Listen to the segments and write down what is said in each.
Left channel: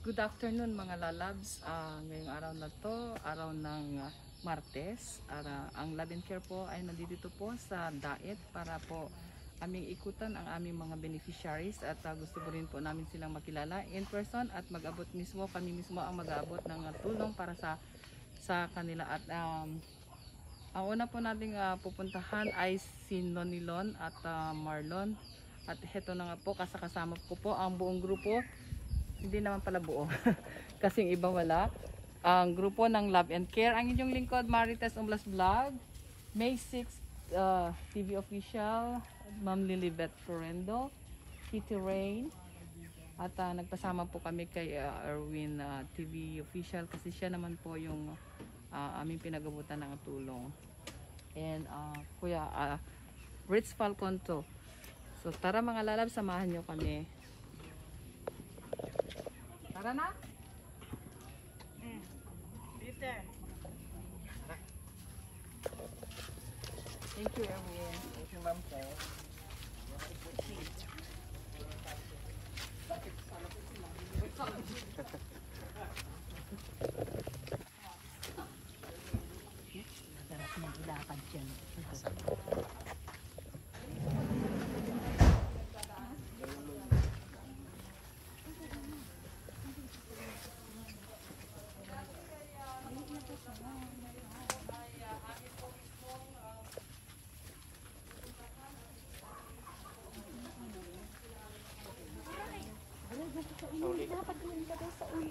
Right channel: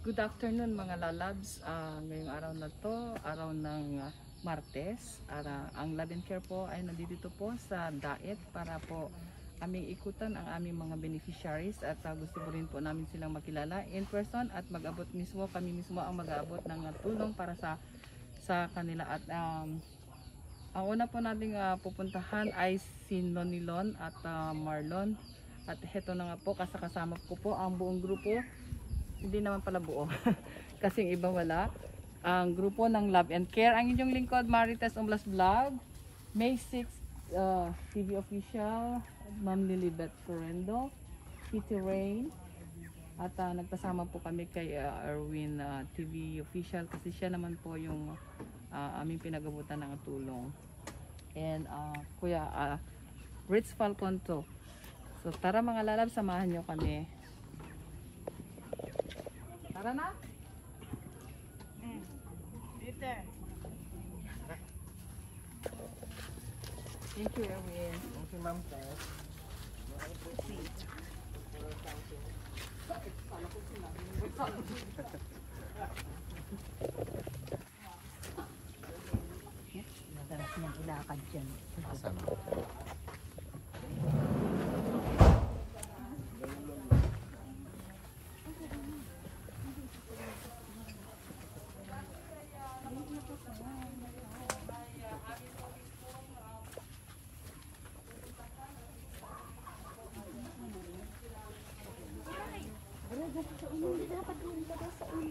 Good afternoon mga lalabs. Ngayong araw na to, araw ng Martes. Ang Love and Care po ay nandito po sa Daet para po aming ikutan ang aming mga beneficiaries at gusto po rin po namin silang makilala in person at mag-abot mismo, kami mismo ang mag-abot ng tulong para sa kanila. At ang una po nating pupuntahan ay si Nonilon at Marlon. At heto na nga po, kasama ko po ang buong grupo. Hindi naman pala buo kasi yung iba wala. Ang grupo ng Love and Care, ang inyong lingkod Marites Umblas Vlog, May 6 TV Official, Ma'am Lilibet Correndo, Kitty Rain, at nagpasama po kami kay Erwin TV Official kasi siya naman po yung aming pinagabutan ng tulong. And Kuya Ritz Falcon to. So tara mga lalab, samahan nyo kami. Tara na? Peter. Thank you, Erwin. Thank you, Ma'am. Sarap niyang ilakad dyan.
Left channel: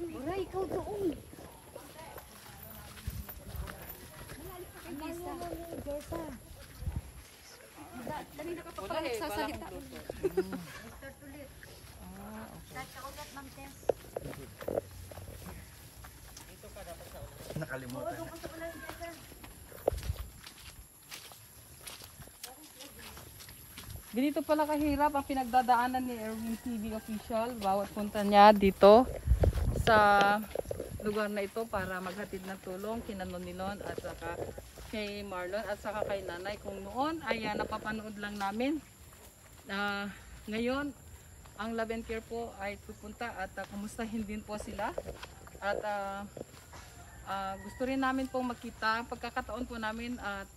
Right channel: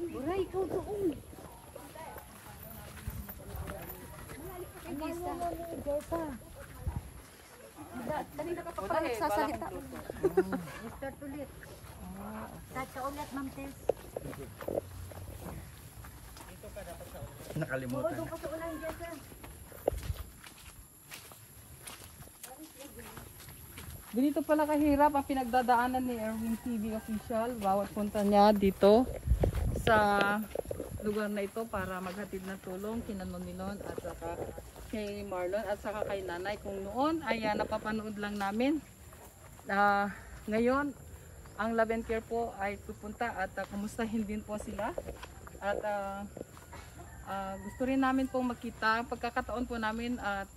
Uray, ikaw doon. Kanina ka pa Wala pala nagsasalita. Start ulit. Start ka ulit, Ma'am Tess. Nakalimutan. Doon ka sa ulan dyan, sir. Ganito pala kahirap ang pinagdadaanan ni Erwin TV Official bawat punta niya dito sa lugar na ito para maghatid ng tulong kina Nonilon at saka kay Marlon at saka kay Nanay. Kung noon ay napapanood lang namin, ngayon ang Love and Care po ay pupunta at kumustahin din po sila at gusto rin namin pong makita pagkakataon po namin at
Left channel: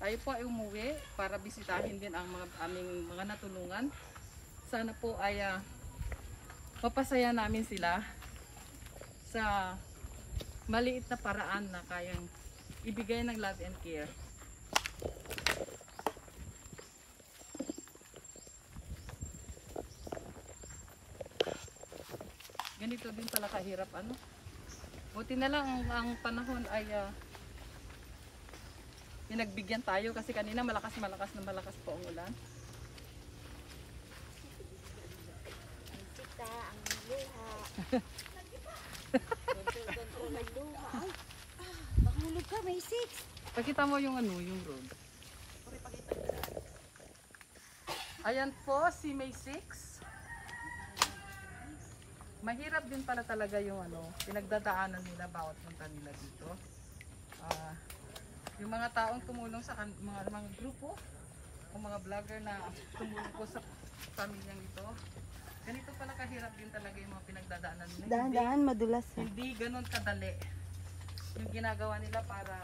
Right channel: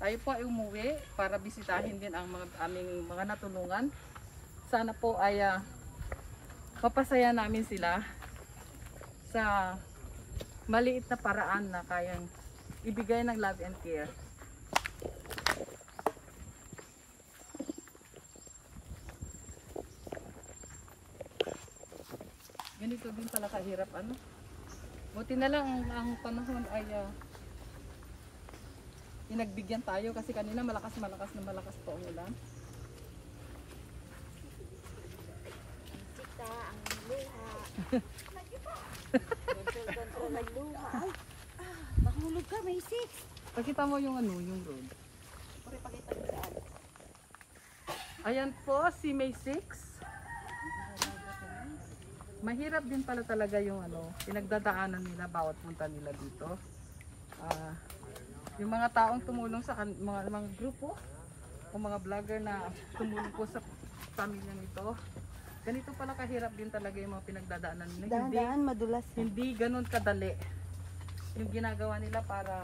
tayo po ay umuwi para bisitahin din ang aming mga natulungan. Sana po ay mapasaya namin sila sa maliit na paraan na kayang ibigay ng Love and Care. Ganito din pala kahirap ano. Buti na lang ang panahon ay pinagbigyan tayo kasi kanina malakas po ang ulan. Ang sita, ang luha. Kontrol ang luha. Ay, mahulog ka, may 6. Pakita mo yung yung road. Ayan po si May 6. Mahirap din pala talaga yung pinagdadaanan nila bawat punta nila dito. Yung mga taong tumulong sa mga grupo o mga vlogger na tumulong po sa pamilyang ito. Ganito pala kahirap din talaga yung mga pinagdadaanan nila. Dahan-dahan, madulas. Hindi ganun kadali yung ginagawa nila para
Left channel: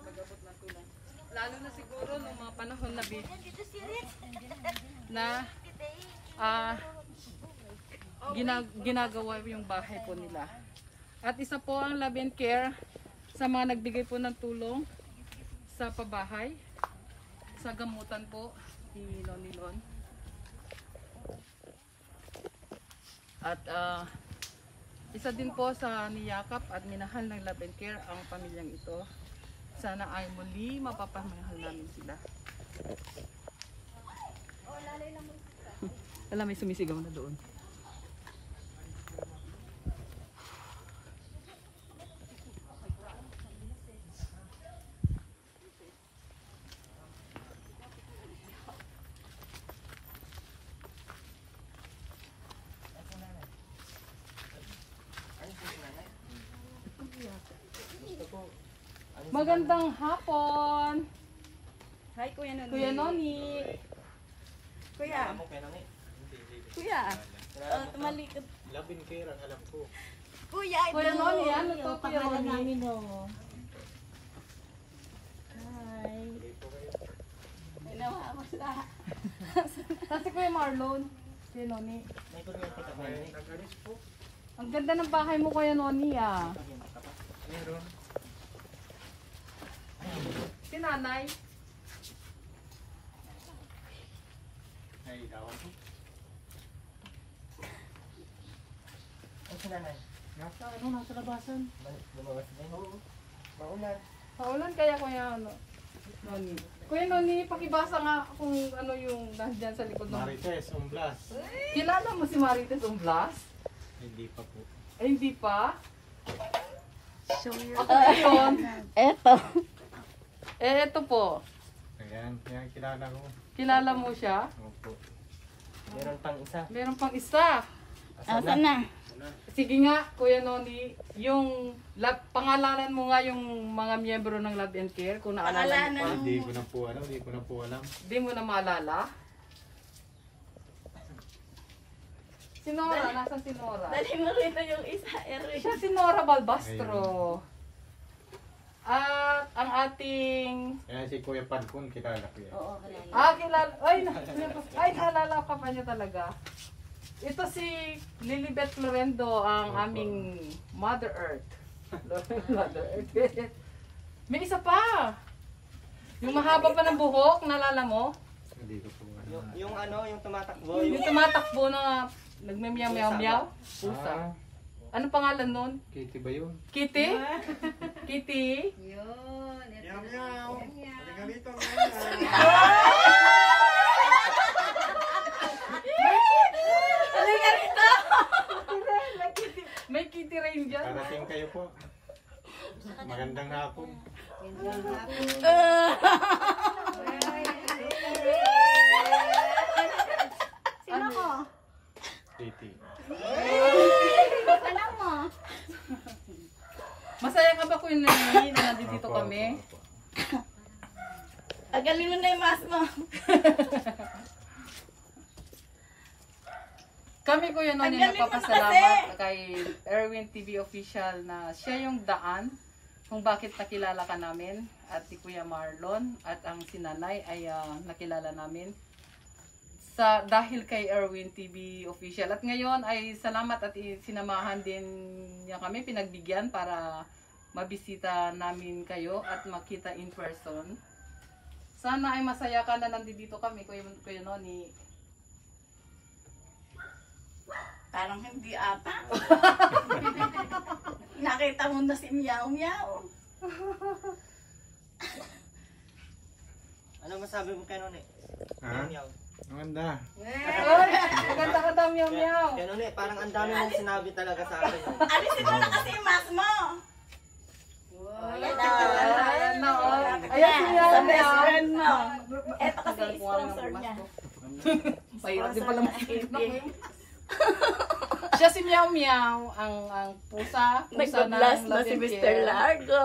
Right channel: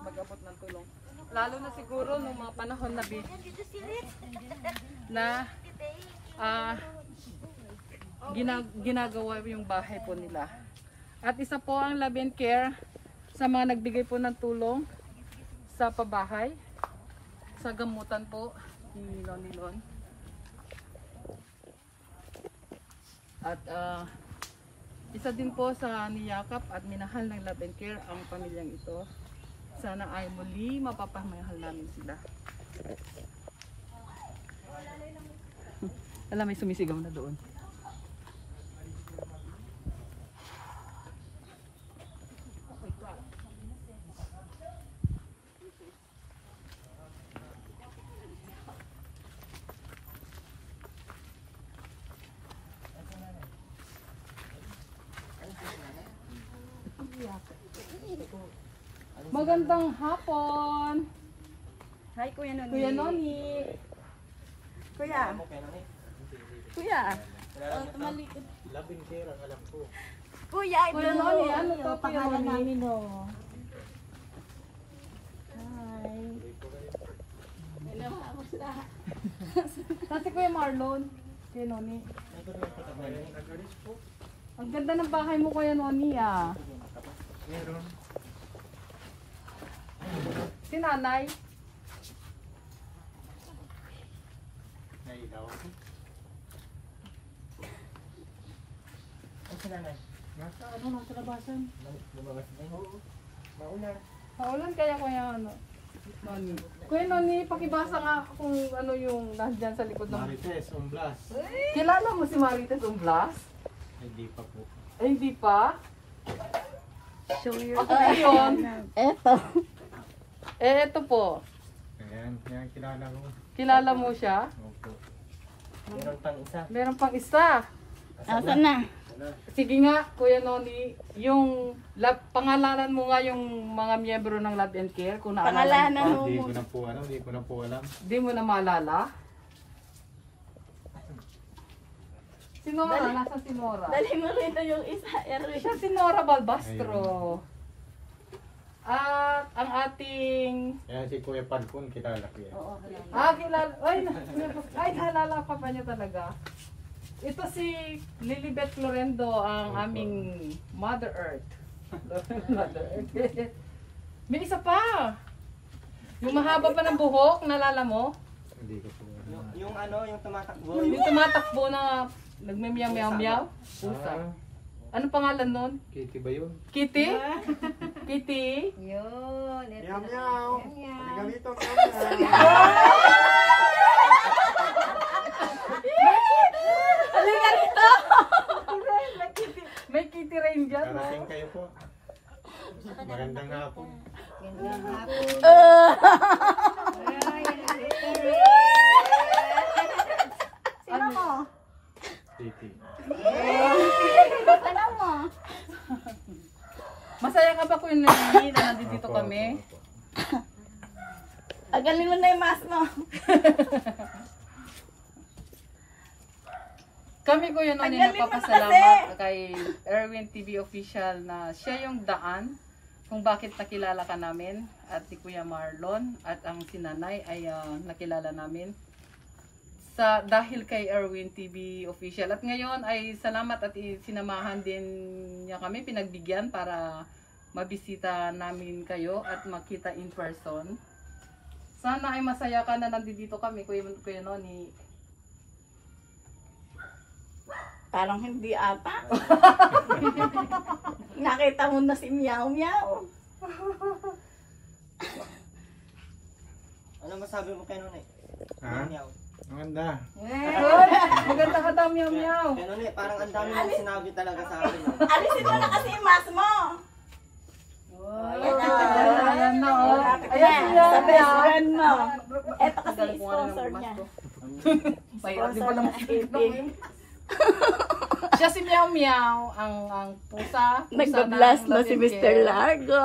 mag-abot ng tulong. Lalo na siguro nung mga panahon na ginagawa yung bahay po nila. At isa po ang Love and Care sa mga nagbigay po ng tulong sa pabahay, sa gamutan po ni Nonilon. At isa din po sa niyakap at minahal ng Love and Care ang pamilyang ito. Sana ay muli mapapamahal namin sila. Alam, may sumisigaw na doon. Magandang hapon. Hi, Kuya Noni. Kuya Noni. Kuya. Kuya. Tumalikod. Labing kaya ang alam ko. Kuya, ito Kuya Noni, ano to, Kuya pangalan Noni? namin, oh. Hi. Ay, nawawala. Kasi Kuya Marlon, Kuya Noni. May kuryente ka ba? Nag-aris po. Ang ganda ng bahay mo Kuya Noni ah. Meron. Si nanay. Nailaw. Ay, sila na. Nasa ano, nasa labasan. Lumabas na. Oo. Maulan. Paulan kaya Kuya Noni. Kuya Noni, pakibasa nga kung ano yung nandyan sa likod ng... Marites, Umblas. Kilala mo si Marites Umblas? Hindi pa po. Eh, hindi pa? Show your... Ako yun. Eto. Eh, ito po. Ayan, yan kilala ko. Kilala mo siya? Opo. Meron pang isa. Meron pang isa. Asan na? Sige nga, Kuya Noni, yung pangalanan mo nga yung mga miyembro ng Love and Care. Kung naalala mo. Pangalanan. Hindi ko na po ano, hindi ko na po alam. Di mo na maalala? Si Nora, nasa si Nora? Dali mo rin yung isa, Erwin. Siya si Nora Balbastro. At ang ating... Kaya si Kuya Pankun, kilala ko yan. Oo, halala. Kilala... Ay, naalala ka pa niya talaga. Ito si Lilibet Florendo, ang aming Mother Earth. Mother Earth. May isa pa! Yung mahaba pa ng buhok, naalala mo? Hindi ko po alam. Yung ano, yung tumatakbo. Yung tumatakbo na nagme-meow-meow-meow. Pusa. Ano pangalan nun? Kitty ba yun? Kitty? Kitty? Yun. Meow meow! Ganito ka Halika rito! May kitty rain dyan. Parating kayo po. Magandang hapon. Sino ko? Kitty. Alam mo? Masaya ka ba Kuya Noni na nandito kami? Agalin mo na yung mask mo. Kami Kuya Noni Ang galing mo nagpapasalamat kay Erwin TV Official na siya yung daan kung bakit nakilala ka namin at si Kuya Marlon at ang sinanay ay nakilala namin dahil kay Erwin TV Official. At ngayon ay salamat at sinamahan din niya kami, pinagbigyan para mabisita namin kayo at makita in person. Sana ay masaya ka na nandito kami, Kuya Noni. Parang hindi ata. Nakita mo na si Meow Meow. Ano masabi mo kay Noni? Ha? Meow. Maganda. Maganda ka daw, Meow Meow. Kay Noni, parang ang dami mong sinabi talaga sa akin. Alisin mo na kasi yung mask mo. Ayan na, oh. Ayan si Sa Meow best Meow. friend mo. Eto kasi Galing ko nga rin sponsor ng niya. mask ko. Pahirap din pala Sponsor Siya si Meow Meow, ang pusa ng Nagpa-blast na Love si and Mr. Care. Largo.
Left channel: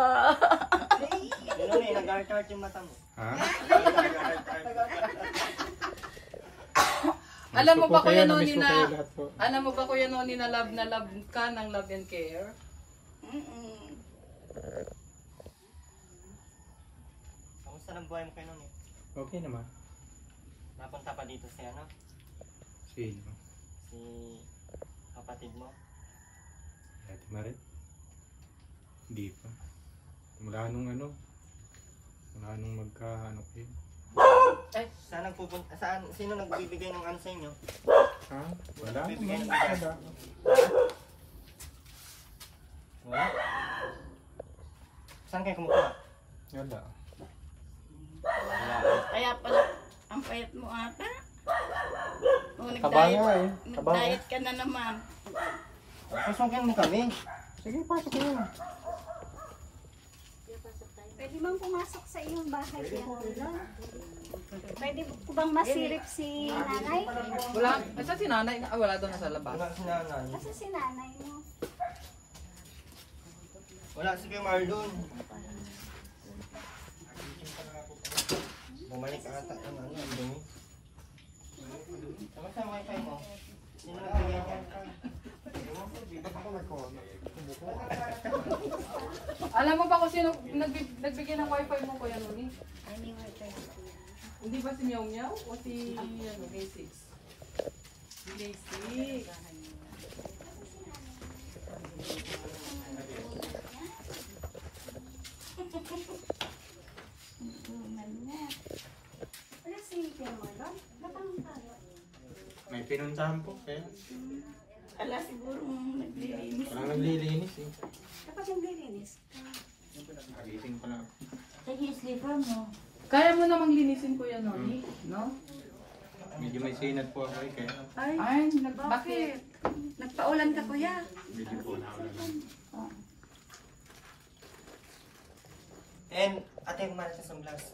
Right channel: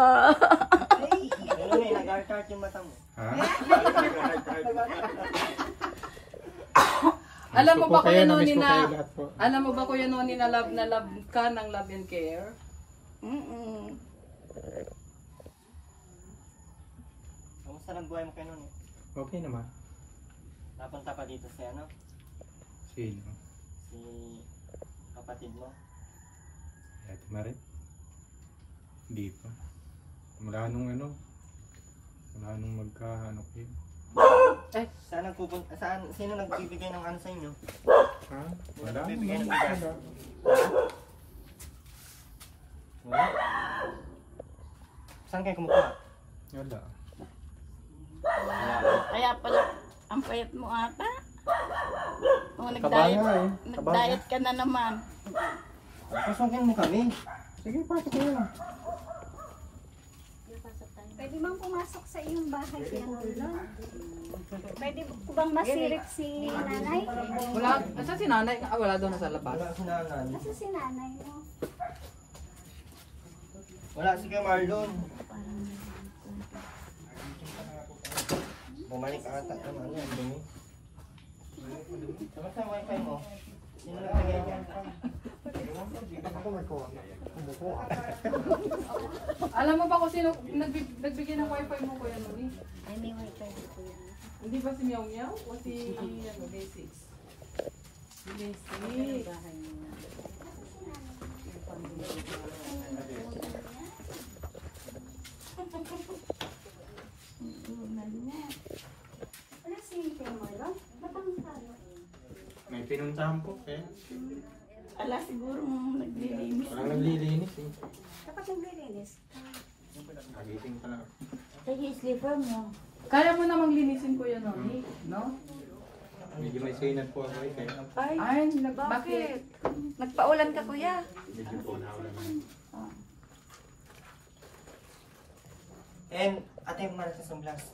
Kay Noni, nag-heart yung mata mo. Ha? Alam mo Namiss ko ba po kayo, Kuya namiss Noni ko na, kayo lahat po. alam mo ba Kuya Noni na love ka ng Love and Care? Kamusta ng buhay mo kay Noni? Okay naman. Napunta pa dito si ano? Sino? Si kapatid mo. Ate Marit? Hindi pa. Mula nung ano? Mula nung magka-ano kayo? Saan nagpupunta? Saan? Sino nagbibigay ng ano sa inyo? Ha? Sino Wala. nagbibigay ng bigas? Wala. Wala? Saan kayo kumukuha? Wala. Kaya pala, ang payat mo ata. O, Kabaya eh. nag-diet ka na naman. Pasukin mo kami. Sige, pasok kayo. Pwede bang pumasok sa iyong bahay yan, Lolo? Pwede ko bang masirip si nanay? Wala, asa si nanay? Wala daw nasa labas. Wala si Nanan. Kasi si nanay mo. Wala si Kuya Marlon. Bumalik ata. Ano, ang dumi. Kamusta ang wifi mo? Sino nagbigay niyan? Alam mo ba kung sino nagbigay ng wifi mo, Kuya Noni? Ay, may wifi dito yan. Hindi ba si Meow Meow o si Basic? Si Basic. Wala si Pinamalo? Batang talo. May pinuntahan po, kaya Ala, siguro naglilinis. parang naglilinis eh. Dapat naglilinis ka. Nagising pa lang. Sige, slipper mo. Kaya mo namang linisin, Kuya Noni, no? Medyo may sinat po ako eh, kaya Ay, bakit? Nagpaulan ka, kuya. medyo po naulan. And Ate Maricel Blas.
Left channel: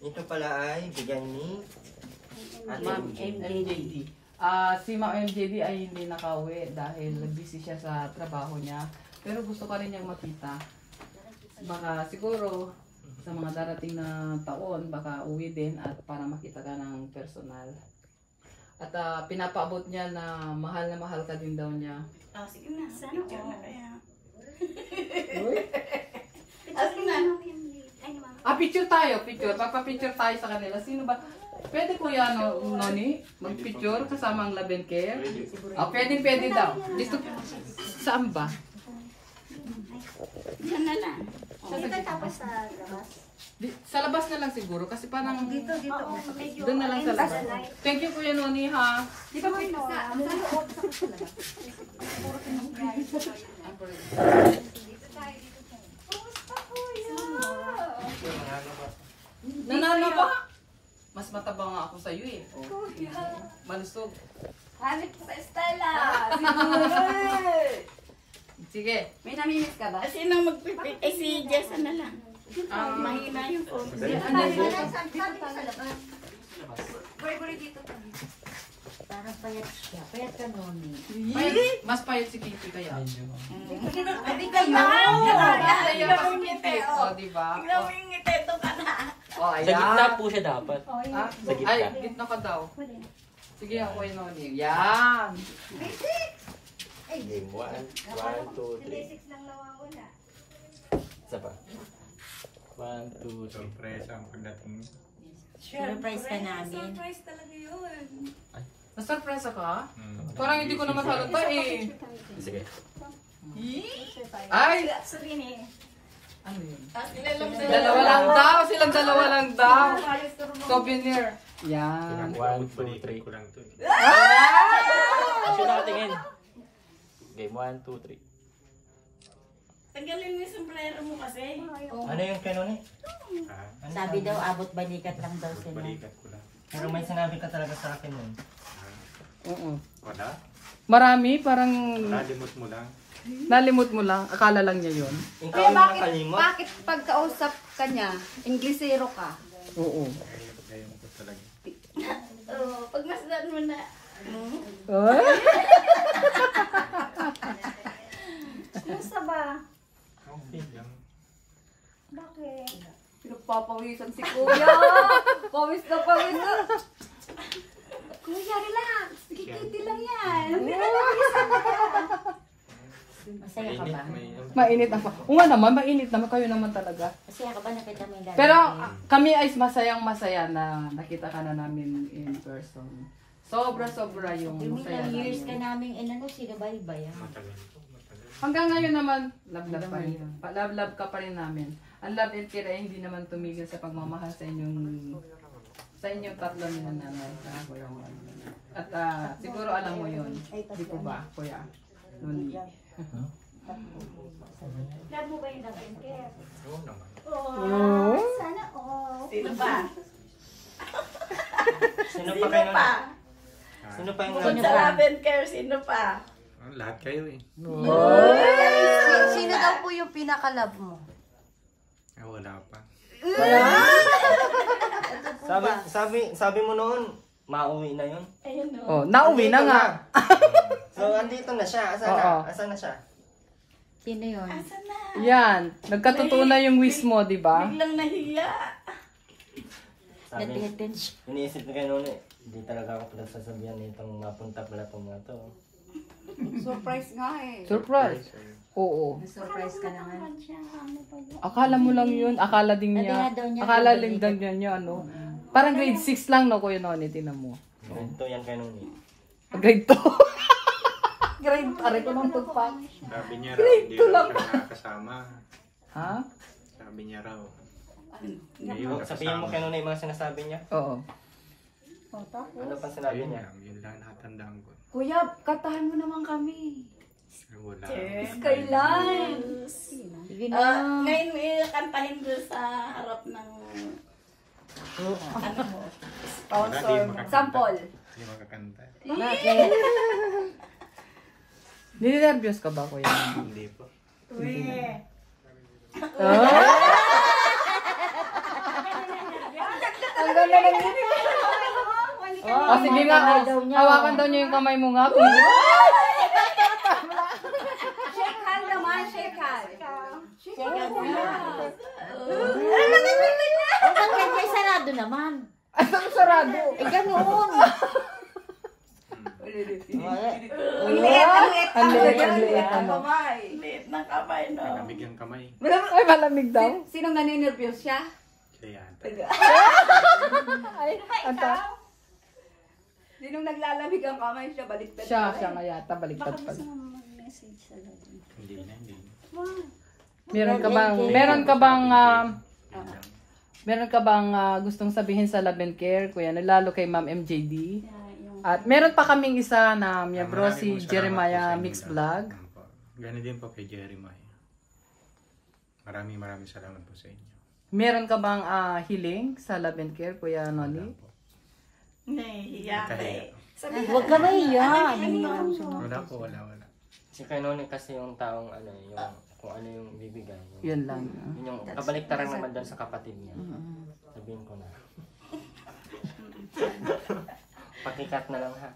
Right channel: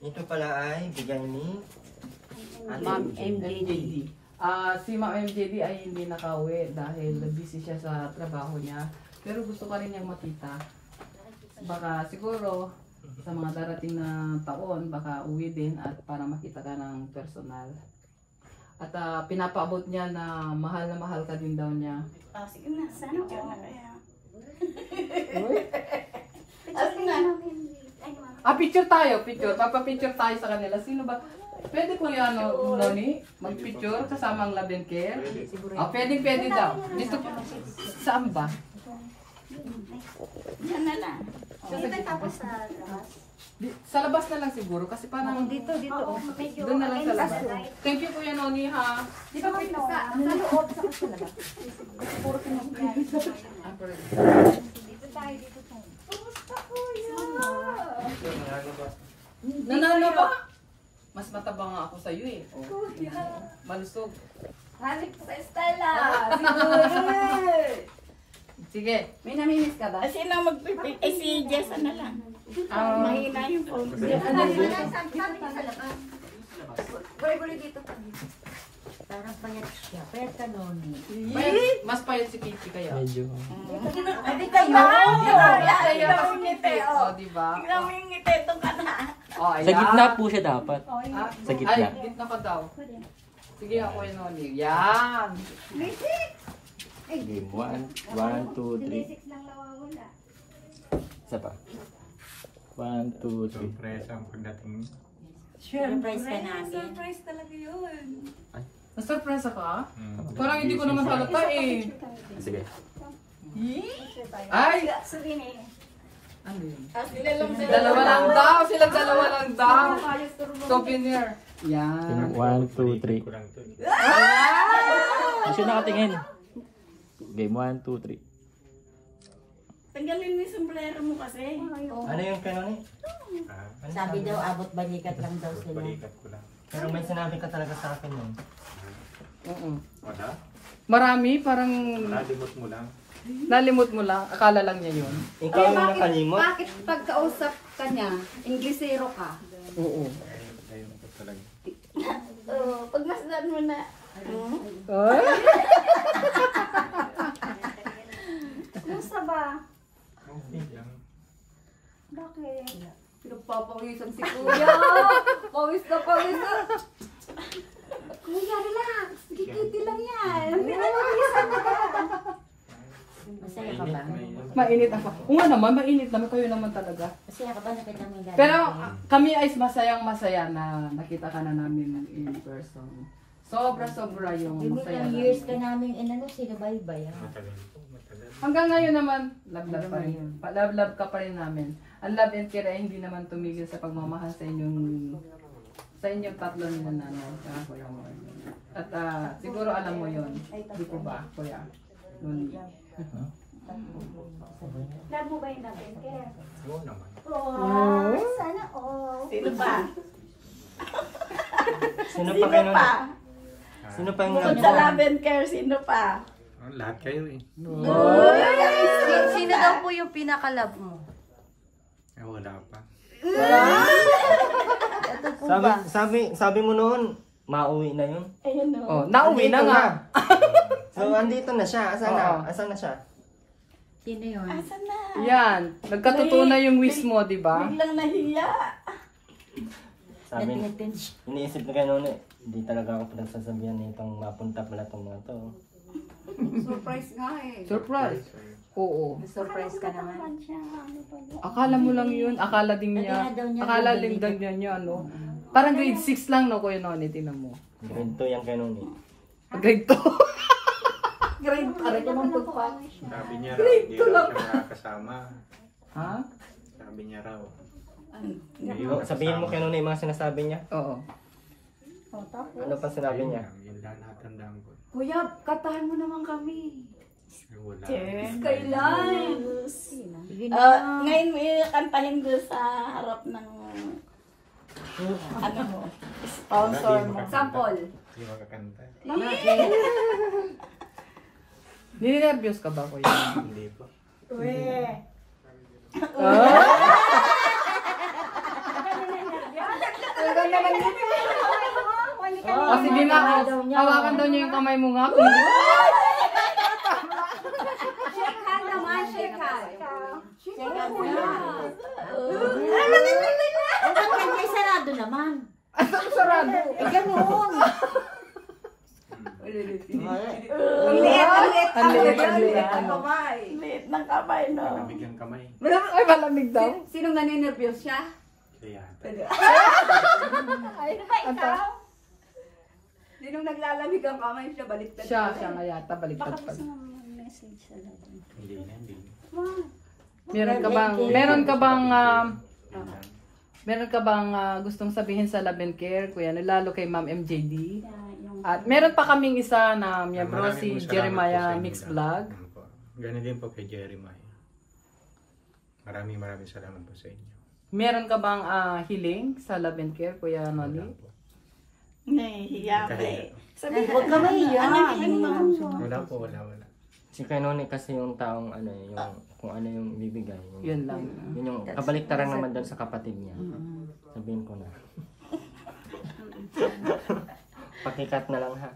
Ito pala ay bigyan ni Ate Ma'am MJ. MJD. Si Ma'am MJD ay hindi nakauwi dahil busy siya sa trabaho niya. Pero gusto ka rin niyang makita. Baka siguro sa mga darating na taon, baka uwi din at para makita ka ng personal. At pinapaabot niya na mahal ka din daw niya. Ah, sige na. Sana ka na kaya. Picture na. Ay, naman. Picture tayo, picture. Papapicture tayo sa kanila. Sino ba? Pwede Kuya Noni mag-picture kasama ang Love and Care? Pwede daw. Dito, saan ba? Yan na lang. Dito tapos sa labas. Sa labas na lang siguro kasi parang Oo, medyo. doon na lang sa ayun, labas. light. Thank you Kuya Noni ha. Di ba may sa loob sa labas? Puro pinag-brand. Dito tayo, dito tayo. Kumusta kuya? Nanalo ba? Mas mataba nga ako sa iyo eh. Malusog. Hanip sa Estela. Sige. May namimiss ka ba? Kasi nang magpipit. Eh, si Jess na lang. Mahina yung phone. Buri-buri dito pa. Parang payat siya. Payat ka noon. Mas payat si Kiki kaya. Medyo. Hindi kayo. Oh, di ba? Tingnan mo yung ngiti. Ito ka na. Oh, Sa gitna po siya dapat. Sa gitna. Ay, gitna ka daw. Sige ako Kuya Noni. Yan. Game 1, 1, 2, 3. Nang nawawala. Isa pa. 1, 2, 3. Surpresa ang pagdating. Surprise ka namin. Surprise talaga yun. Na-surprise ka? Parang hindi ko naman halata eh. Sige. Ay! Sabihin eh. Ano yun? Sila lang sila. Dalawa lang daw. Silang dalawa lang daw. Souvenir. Yan. 1, 2, 3. Ko lang to. Kasi nakatingin. Game 1, 2, 3. Tanggalin mo yung sombrero mo kasi. Ano yung kanoni? Ano Sabi daw, abot balikat lang daw sila. Balikat ko lang. Pero may sinabi ka talaga sa akin yun. Wala? Marami, parang Nalimot mo lang. nalimot mo lang. Akala lang niya yun. Ikaw ang nakalimot. Bakit pagkausap ka niya, Inglesero ka? Oo. Ayun ko talaga. Pagmasdan mo na. Ay! Kumusta ba? Okay lang. Bakit? Pinagpapawisan si Kuya. Pawis na pawis na. Kuya, relax. Kikiti lang yan. Masaya ka ba? Mainit ako. Oo nga naman, mainit naman. Kayo naman talaga. Masaya ka ba nakita mo yung dati? Pero kami ay masayang masaya na nakita ka na namin in person. Sobra-sobra yung Yung masaya ilang years ka namin. namin inano sila bye-bye. Matagal to. Matagal. Hanggang ngayon naman, love-love pa rin. Love-love ka pa rin namin. Ang love and care ay hindi naman tumigil sa pagmamahal sa inyong tatlo ni nanay sa Kuya mo. At siguro alam mo yon, di po ba, Kuya? Noni. Love mo ba yung love and care? Oo naman. Oh, sana all. Sino pa? Sino pa kayo nun? Sino pa yung Bukod sa love and care, sino pa? Lahat kayo eh. Sino daw po yung pinaka-love mo? Wala pa. Ito po ba? Sabi mo noon, mauwi na yun. Ayun o. Oh, nauwi na nga. So, andito na siya. Asan na? Oo. Asan na siya? Sino yun? Asan na? Yan, nagkatotoo na yung wish mo, di ba? Biglang nahiya. Sabi, Natitin siya. iniisip na kayo noon eh. Hindi talaga ako pinagsasabihan nitong mapunta pala itong mga to. Surprise nga eh. Surprise. Oo. Surprise ka naman. Akala mo lang yun. Akala din niya. Natira daw niya, Akala babalik. din daw niya ano. Parang grade 6 lang na Kuya Noni. Tinan mo. Ganito yan kay Noni. Grade 2. Grade pa rin naman pagpa. Sabi niya raw, hindi raw siya nakakasama. Ha? Sabi niya raw. Sabihin mo kay Noni yung mga sinasabi niya. Oo. Ano pa sinabi Ayun niya? nga, yun lang natandaan ko. Kuya, katahan mo naman kami. Wala. Kailan? Ngayon mo kantahin doon sa harap ng ano mo. Sponsor mo. Sample. Hindi makakanta. Ninervyos ka ba Kuya? Hindi po. Oh, sige nga. Hawakan daw niya yung kamay mo nga. Shake hand naman, shake hand. Shake hand. Bakit may sarado naman? Ang sarado. Eh, ganoon. Ang liit, ang liit. Ang liit, ang liit. Ang kamay. Liit ng kamay, no? Malamig ang kamay. Ay, malamig daw. Sinong naninervyos siya? Siya yata. Sinong naglalamig ang kamay siya? Baliktad Siya nga yata. Baliktad pa. Message sa latin. Hindi na, hindi na. Meron ka bang Yun lang. meron ka bang gustong sabihin sa Love and Care, Kuya, lalo kay Ma'am MJD? At meron pa kaming isa na miyembro Maraming si pong salamat po Jeremiah sa inyo Mix lahat. Vlog. Po. Ganun din po kay Jeremiah. Maraming salamat po sa inyo. Meron ka bang hiling sa Love and Care, Kuya Wala Noli? po. Nahihiya ka Kahiya. eh. Huwag ka mahiya. Wala po, wala. Si kay Noni kasi yung taong ano, yung kung ano yung bibigay. Yun lang. Yun yung kabaliktaran naman dyan sa kapatid niya. Sabihin ko na. Pakikat na lang ha.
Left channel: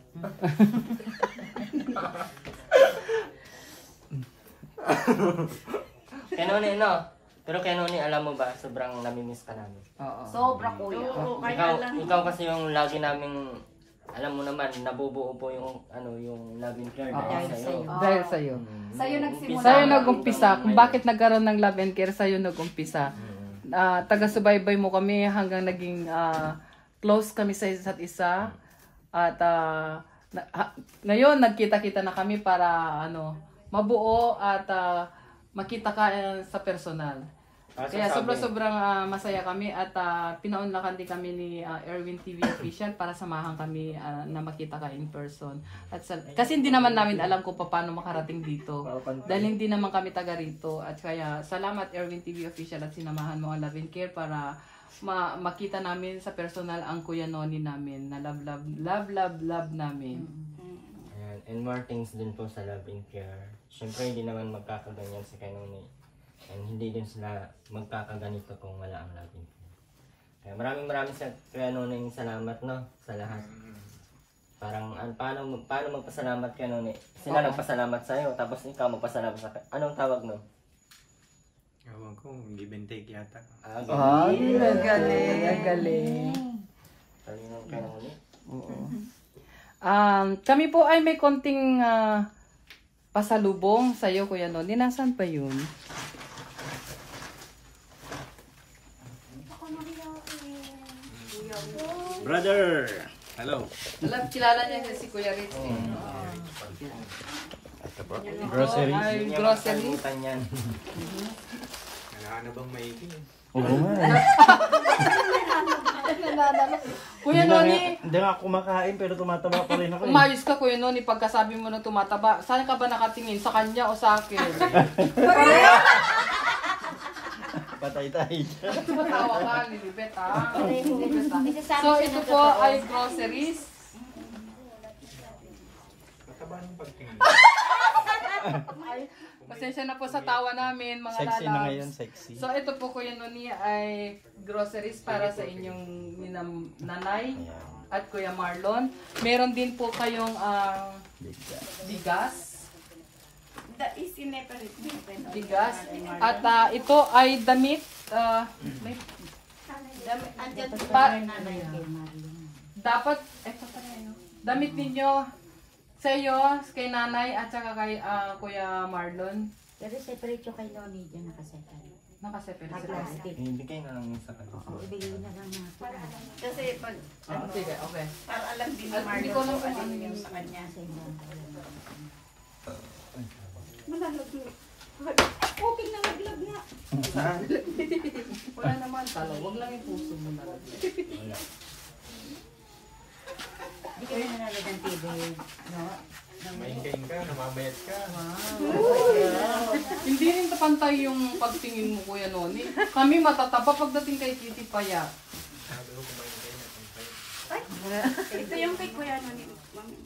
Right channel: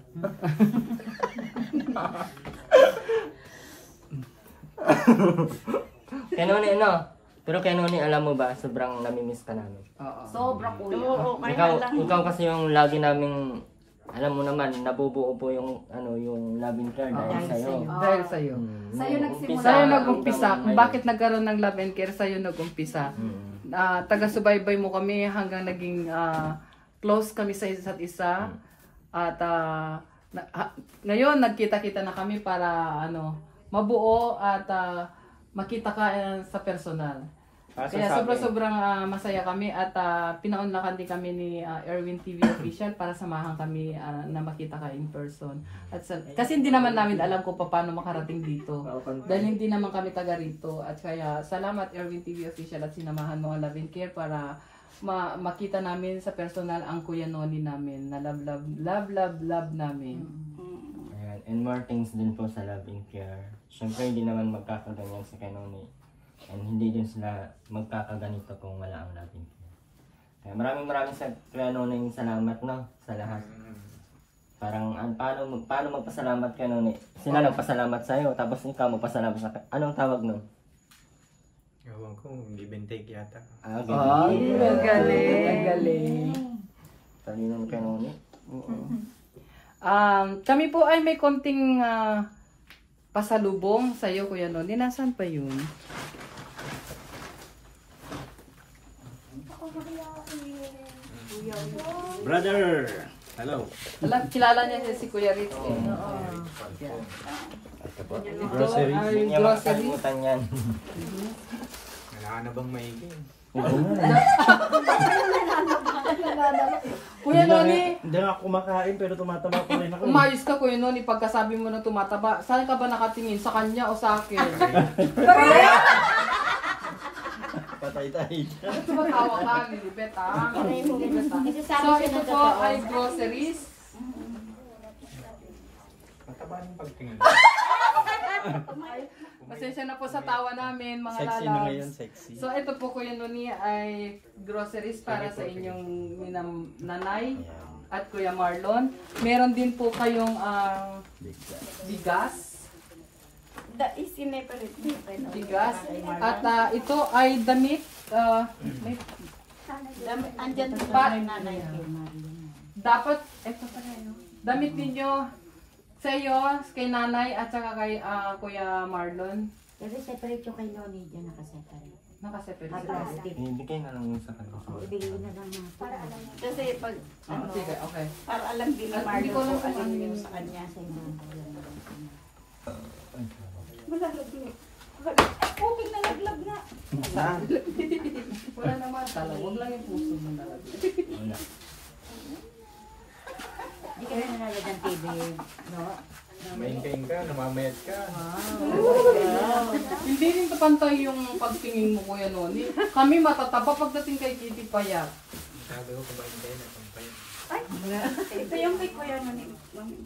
Kay Noni ano? Pero kay Noni alam mo ba, sobrang namimiss ka namin. Oo. Sobra kuya. Oo, kaya lang. Ikaw kasi yung lagi naming, alam mo naman, nabubuo po yung ano yung love and care dahil sa'yo. Dahil sa'yo. Sa'yo nagsimula. Sa'yo nag-umpisa. Kung bakit nagkaroon ng Love and Care, sa'yo nag-umpisa. Taga-subaybay mo kami hanggang naging close kami sa isa't isa. At ngayon, nagkita-kita na kami para mabuo at makita ka sa personal. Kaya sobrang masaya kami at pinaunlakan din kami ni Erwin TV Official para samahan kami na makita ka in person. At kasi hindi naman namin alam kung paano makarating dito. Dahil hindi naman kami taga rito. At kaya salamat Erwin TV Official at sinamahan mo ang Love and Care para makita namin sa personal ang Kuya Noni namin na love namin. Ayan. And more things din po sa love and care. Siyempre hindi naman magkakaganyan sa kay Noni. And hindi din sila magkakaganito kung wala ang love and care. Kaya maraming sa kay Noni salamat no sa lahat. Parang paano magpasalamat kay Noni? Sila nagpasalamat sa iyo tapos ikaw magpasalamat sa anong tawag nun? Ewan ko, give and take yata. Ay, ang galing. Talinong kay Noni. Kami po ay may konting pasalubong sa iyo, Kuya Noni. Nasaan pa yun? Brother! Hello! Kilala niya si Kuya Ritz. Grocery. Ay, grocery. Kalimutan yan. Wala na bang maigi? Kuya Noni, Hindi nga ako kumakain pero tumataba pa rin ako. umayos ka Kuya Noni pagkasabi mo na tumataba. Saan ka ba nakatingin? Sa kanya o sa akin? Patay tayo. Tumatawa ka, Lilibet ha? Isasabi So siya ito ng po totoo. ay groceries. Mataba ng pagtingin. Pasensya na po sa tawa namin mga Sexy na ngayon, lalabs. sexy. So ito po Kuya Noni ay groceries para sa inyong nanay at Kuya Marlon. Meron din po kayong bigas. Bigas. At ito ay damit. May Andyan pa nanay. dapat, eto pa yun. Damit ninyo sa iyo, kay nanay, at saka kay Kuya Marlon. Pero separate yung kay Noni dyan nakaseparate. Nakaseparate May sila. plastic. Ibigay na lang yun sa kanila. O, ibigay na lang natin. Kasi pag, ano, Sige, okay. para alam din ni Hindi Marlo ko lang kung kung ano ano yung yung sa kanya. Sa inyo. Puting na naglag na. Wala naman talo, huwag lang yung puso mo nalagay. Hindi kayo nanonood ng TV, no? Maingkain ka, namamayat ka. Hindi rin pantay yung pagtingin mo, Kuya Noni. Kami matataba pagdating kay Kitty Payat. Sabi ko kumaingkain at kumaingkain. Ito yung kay Kuya Noni. Mami.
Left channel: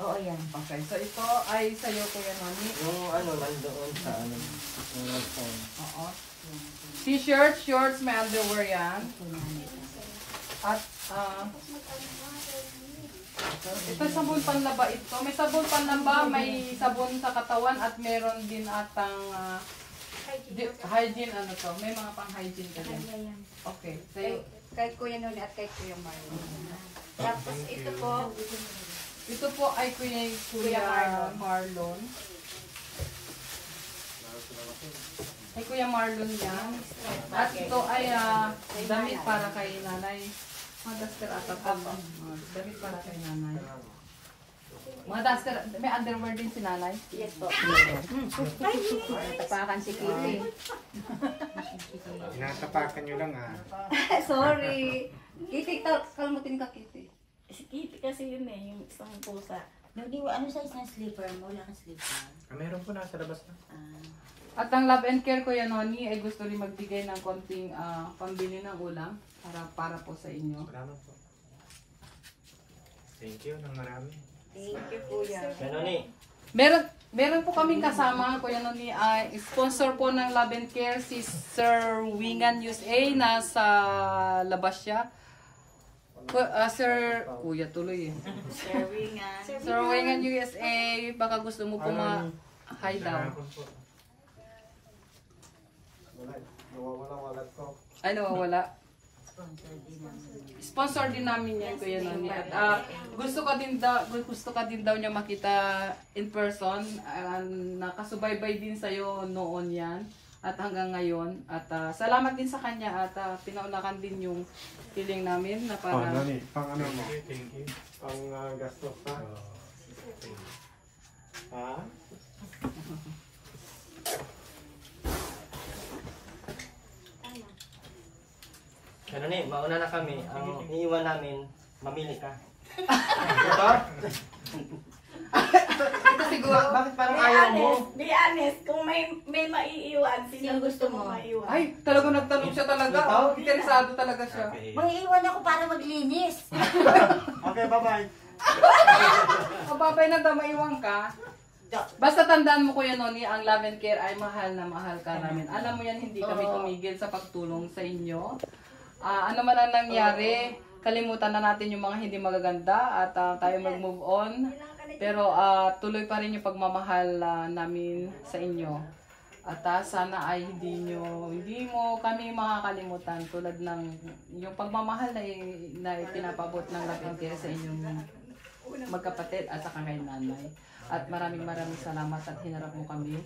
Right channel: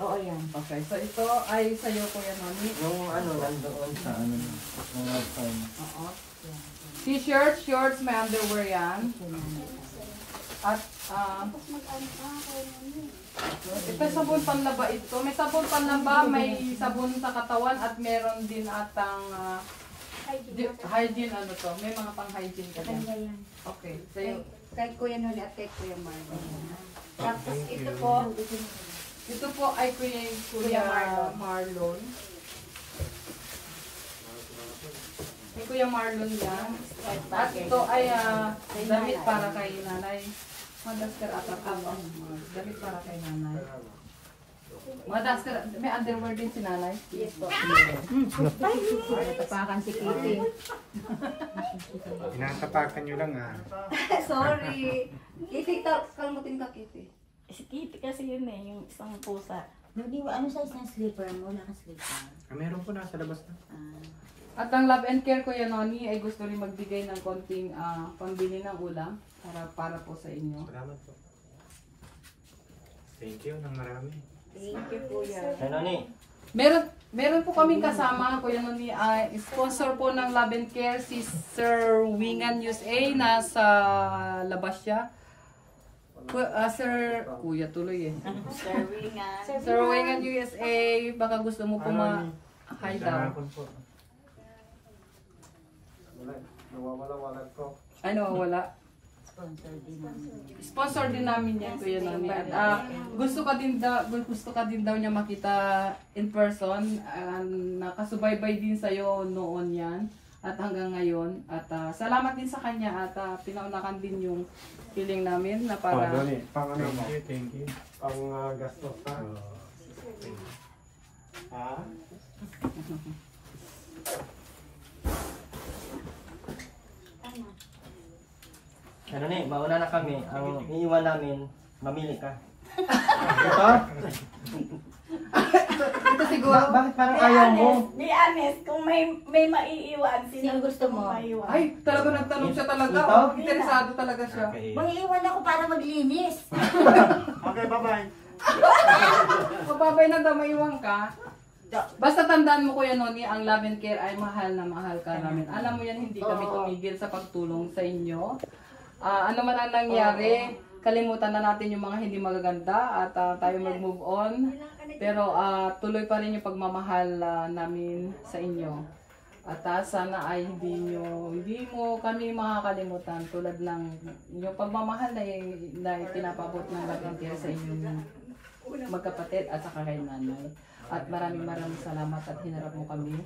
Oo, yan. Okay, so ito ay sa'yo, Kuya Noni. Yung ano, nandoon sa ano, yung website. Oo. T-shirt, shorts, may underwear yan. At, ito sabon panlaba ito. May sabon panlaba, may sabon sa katawan, at meron din atang hygiene ano to. May mga pang-hygiene ka din. Okay, sa'yo. Kay Kuya Noni at kay Kuya Marlo. Tapos ito po, Ito po ay Kuya Marlon. Kay Kuya Marlon yan. At ito ay damit para kay nanay. Madaster ata po. Damit para kay nanay. Madaster, may underwear din si nanay. yes po. Tapakan si Kitty. Tinatapakan nyo lang ah. Sorry. Kitty, kalmutin ka, Kitty. Si Kitty kasi yun eh, yung isang pusa. Noni, ano size ng slipper mo? Wala kang slipper. Meron po nasa labas na. At ang Love and Care Kuya Noni ay gusto rin magbigay ng konting pambili ng ulam para po sa inyo. Salamat po. Thank you ng marami. Thank you, Kuya. Ano ni? Meron po kaming kasama, Kuya Noni, sponsor po ng Love and Care si Sir Wingan USA, nasa labas siya. Sir, Kuya tuloy eh. Sir Wingan. Sir Wingan USA, baka gusto mo po ma-hi daw. Salamat po. Ay, nawawala. Sponsor din namin. Sponsor din namin yan, Kuya Noni. At gusto ka din daw niya makita in person. Nakasubaybay din sa'yo noon yan. At hanggang ngayon. At salamat din sa kanya. At pinaunakan din yung feeling namin na para... Pang ano mo? Thank you. Pang gastos pa. Thank you. Ha? Ano ni? Mauna na kami. Ang iiwan namin, mamili ka. Ito siguro... Bakit parang ayaw mo? Be honest, kung may maiiwan, sino gusto mo? Maiiwan. Ay, talaga nagtanong siya talaga. Ito? Interesado talaga siya. Okay. Mag-iwan ako para maglinis. Okay, bye-bye. Mababay na daw maiwan ka. Basta tandaan mo, Kuya Noni, ang Love and Care ay mahal na mahal ka namin. Alam mo yan, hindi kami tumigil sa pagtulong sa inyo. Ano man ang nangyari, kalimutan na natin yung mga hindi magaganda at tayo mag-move on. Pero tuloy pa rin yung pagmamahal namin sa inyo. At sana ay hindi mo kami makakalimutan tulad ng yung pagmamahal na pinapabot ng Love and Care sa inyong magkapatid at saka kay nanay. At maraming salamat at hinarap mo kami.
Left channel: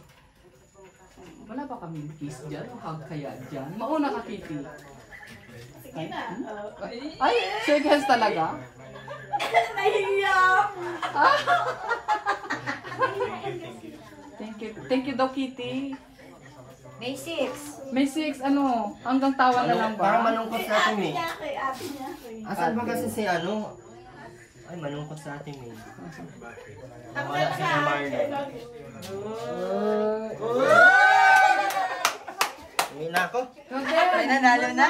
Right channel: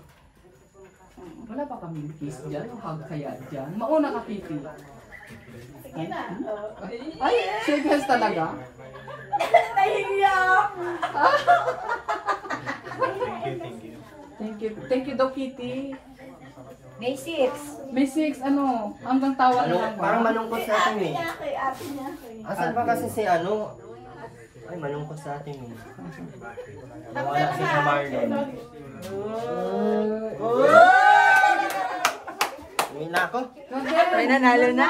Wala ba kami kiss dyan o hug kaya dyan? Mauna ka, Kitty. Sige na. Ay, shake hands talaga? Nahiya! Thank you. Thank you daw, Kitty. May 6. May 6, ano, hanggang tawa na lang Parang ba? malungkot sa atin eh. Ate niya ako eh. Asan ba kasi si ano? Ay, malungkot sa atin eh. Wala si Marlon. Uwi na ako. Ay, nanalo na.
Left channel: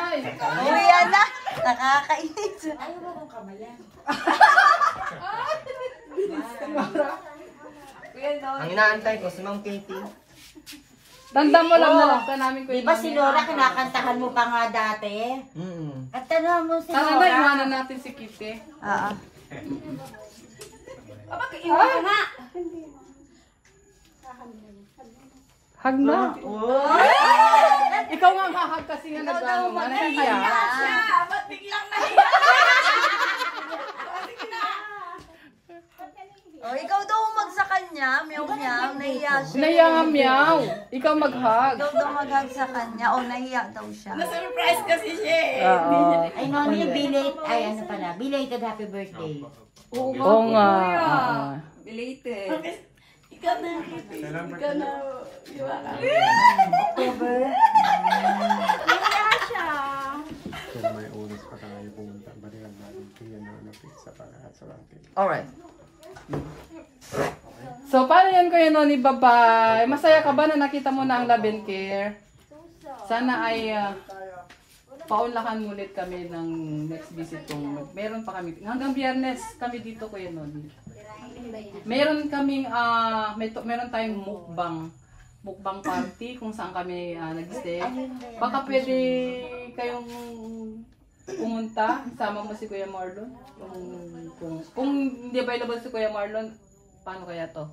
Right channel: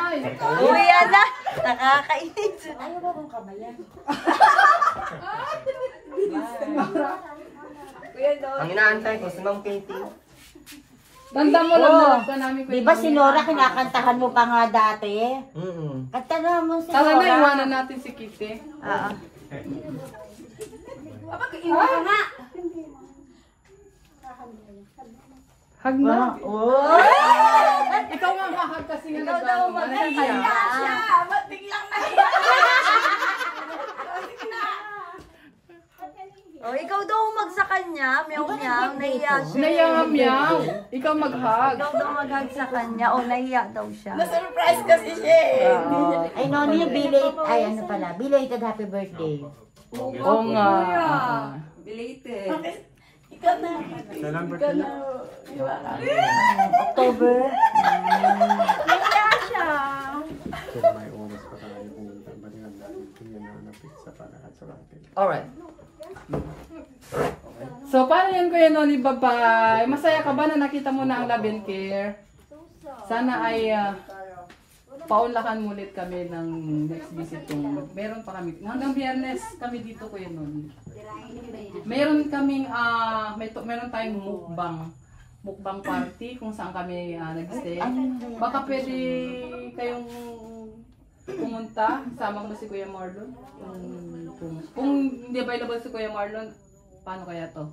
Uwi na. Nakakainis. Ayaw ba bang kamayan? Ang inaantay ko si Ma'am Katie. Tanda mo lang na love ka namin, Kuya Di ba Noni. si Nora kinakantahan mo pa nga dati? Kanta na mo si Tara Nora. na, iwanan natin si Kitty. Oo. Iwan ka na. Hug na. Oh! Ikaw nga hahag kasi nga Ikaw daw nag-ano, mag-hiya. nahihiya. Ba't biglang nahiya? Oh, ikaw daw sa kanya, meow-meow, nahiya siya. Nahiya nga meow. Ikaw mag-hug. Ikaw daw mag-hug sa kanya, o nahiya daw siya. Na-surprise kasi siya eh. Ay, no, yung belated, ay ano pala, belated happy birthday. Oo nga. Belated. Ikaw na. Salam Ikaw na. October. Nahiya siya. Pero may oras pa tayo pumunta. Barihan natin yan na pizza para sa atin. Alright. So, paano yan Kuya Noni? Bye-bye. Masaya ka ba na nakita mo na ang Love and Care? Sana ay paunlakan mo ulit kami ng next visit kung meron pa kami. Hanggang Biyernes kami dito Kuya Noni. Meron kaming meron tayong mukbang party kung saan kami nag-stay. Baka pwede kayong pumunta, sama mo si Kuya Marlon. Kung hindi available si Kuya Marlon, paano kaya to?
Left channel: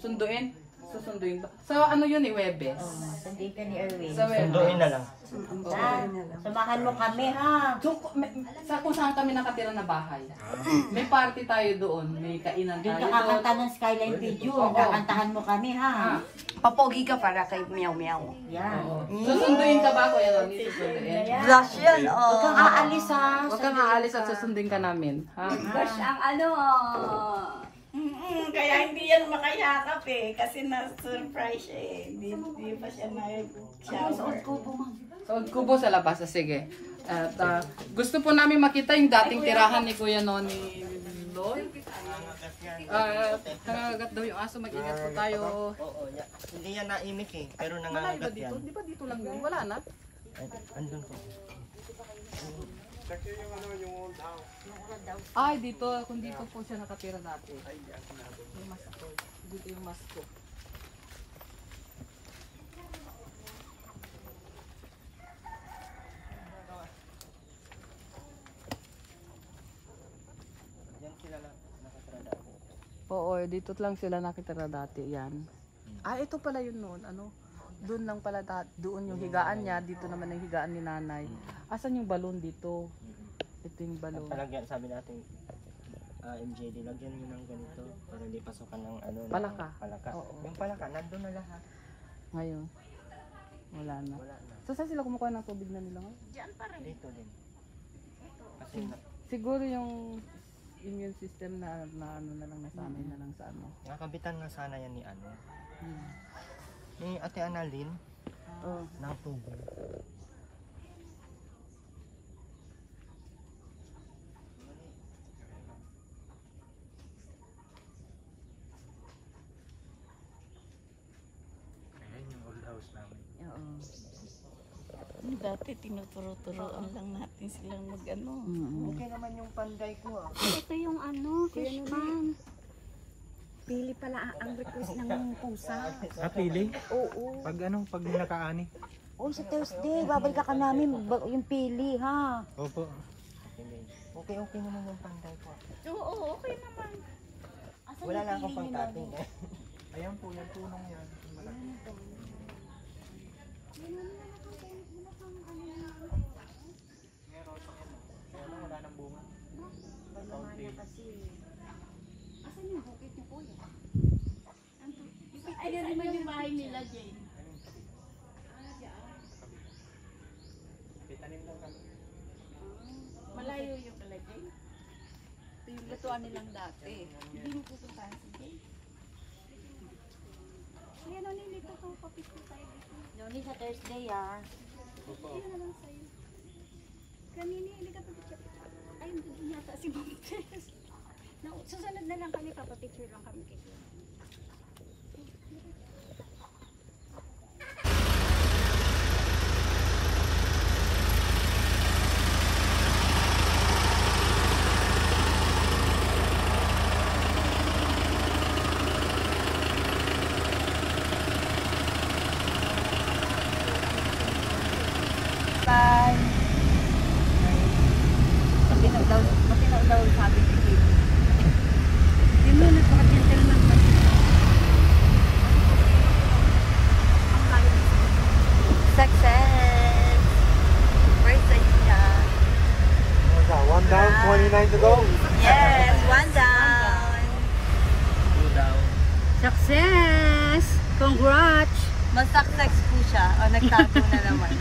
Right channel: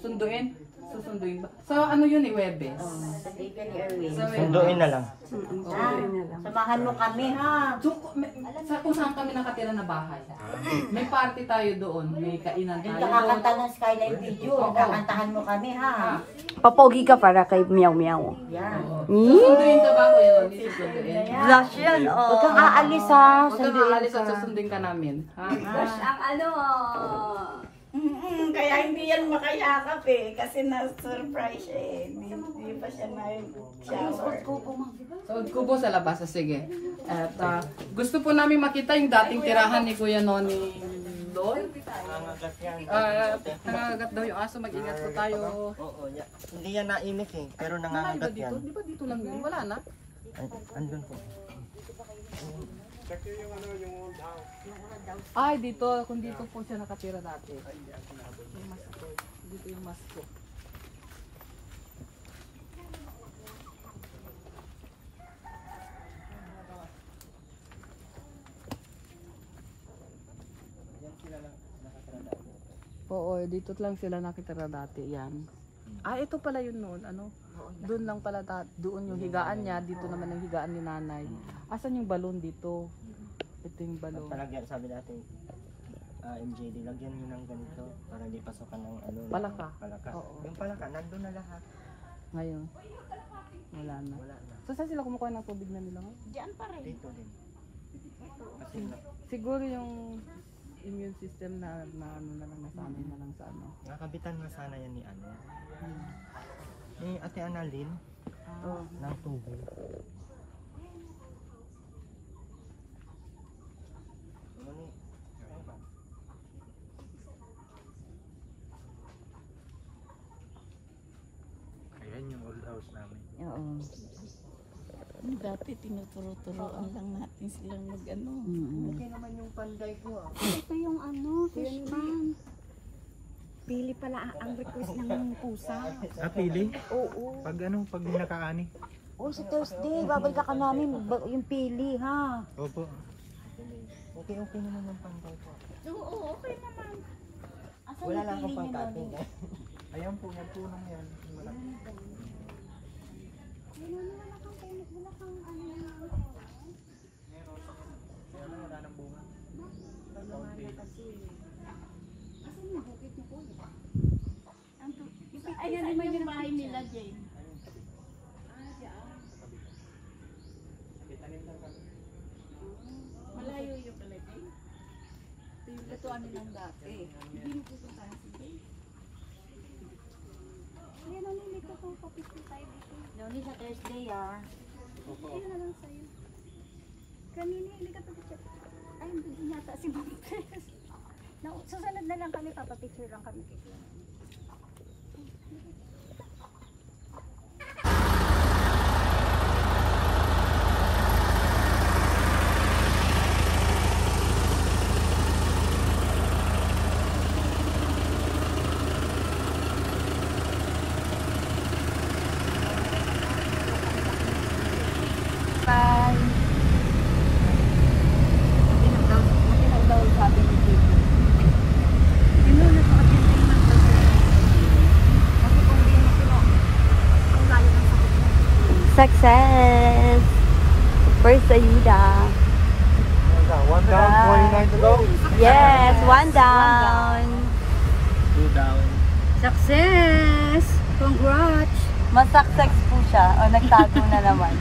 Sunduin? Susunduin ba? So ano yun Webes? Sunday ka ni Erwin. Sa Webes. Sunduin na lang. Samahan mo kami ha. So, kung saan kami nakatira na bahay. May party tayo doon, may kainan Doon tayo ka doon. kakanta ng Skyline Video. Oo. Kakantahan mo kami ha. Papogi ka para kay meow-meow. Yan. Susunduin ka ba Kuya Noni? Susunduin. Blush yan, Huwag kang oh. aalis ha. Huwag ka maalis at susundin ka namin. Ha? Ang ano. Kaya hindi yan makayakap eh. Kasi na-surprise siya eh. Hindi pa siya nag-shower. So, kubo sa labas. Sige. At gusto po namin makita yung dating tirahan ni Kuya Noni doon. Nangangagat daw yung aso. Mag-ingat po tayo. Oo, hindi yan naimik eh, pero nangangagat yan. Di ba dito lang yun? Wala na. Andun po. Ay, dito. Kung dito po siya nakatira dati. Yung mas ko. Dito yung mas ko. Yan sila nakatrada po. Oo, dito lang sila nakitira dati. Yan. Ito pala yun noon. Ano? Doon lang pala doon yung higaan niya. Dito naman yung higaan ni nanay. Asan yung balon dito? Ito yung balon. Talagyan, sabi natin, MJD, lagyan nyo ng ganito para di pasukan ng ano. ng Palaka. Palaka. Oo. Yung palaka, nandun na lahat. Ngayon. Wala na. So saan sila kumukuha ng tubig na nila? Diyan pa rin. Dito din. Kasi Siguro yung immune system na ano na lang nasanay na lang sa ano. nakabitan na sana yan ni ano. Ni Ate Annalyn ng tubo. Ayan yung old house namin. Dati tinuturo-turoan lang natin silang mag-ano. Okay naman yung panday ko ah. Ito yung ano, fish pan. Pili pala ang request ng pusa. Pili? Oo. Pag nakaani? Oh, sa Thursday, babalik ka namin. Yung pili ha. Opo. Okay naman yung panday ko. Oo, okay naman. Asan Wala yung lang pili akong niyo pangkating. Noni? Ayan po, yung punong yan. Malaki. Ay, yan naman yung bahay nila, Jane. Malayo yung pala, Jane. Ito yung lutuan nilang dati. Hindi mo pupuntahan si Jane. Ayan, ano yung ito kung papicture tayo dito. Noni, sa Thursday ah. Ayun na lang sa'yo. Kanina, hindi ka papicture. Ay, hindi yata si Mom Tess. Susunod na lang kami, papapicture lang kami kay Kuya. Matinaw daw sabi ni Tito. Hindi mo na po, agyan ka naman kasi. Success! Congrats! Mas success po siya. O, nagtago na naman.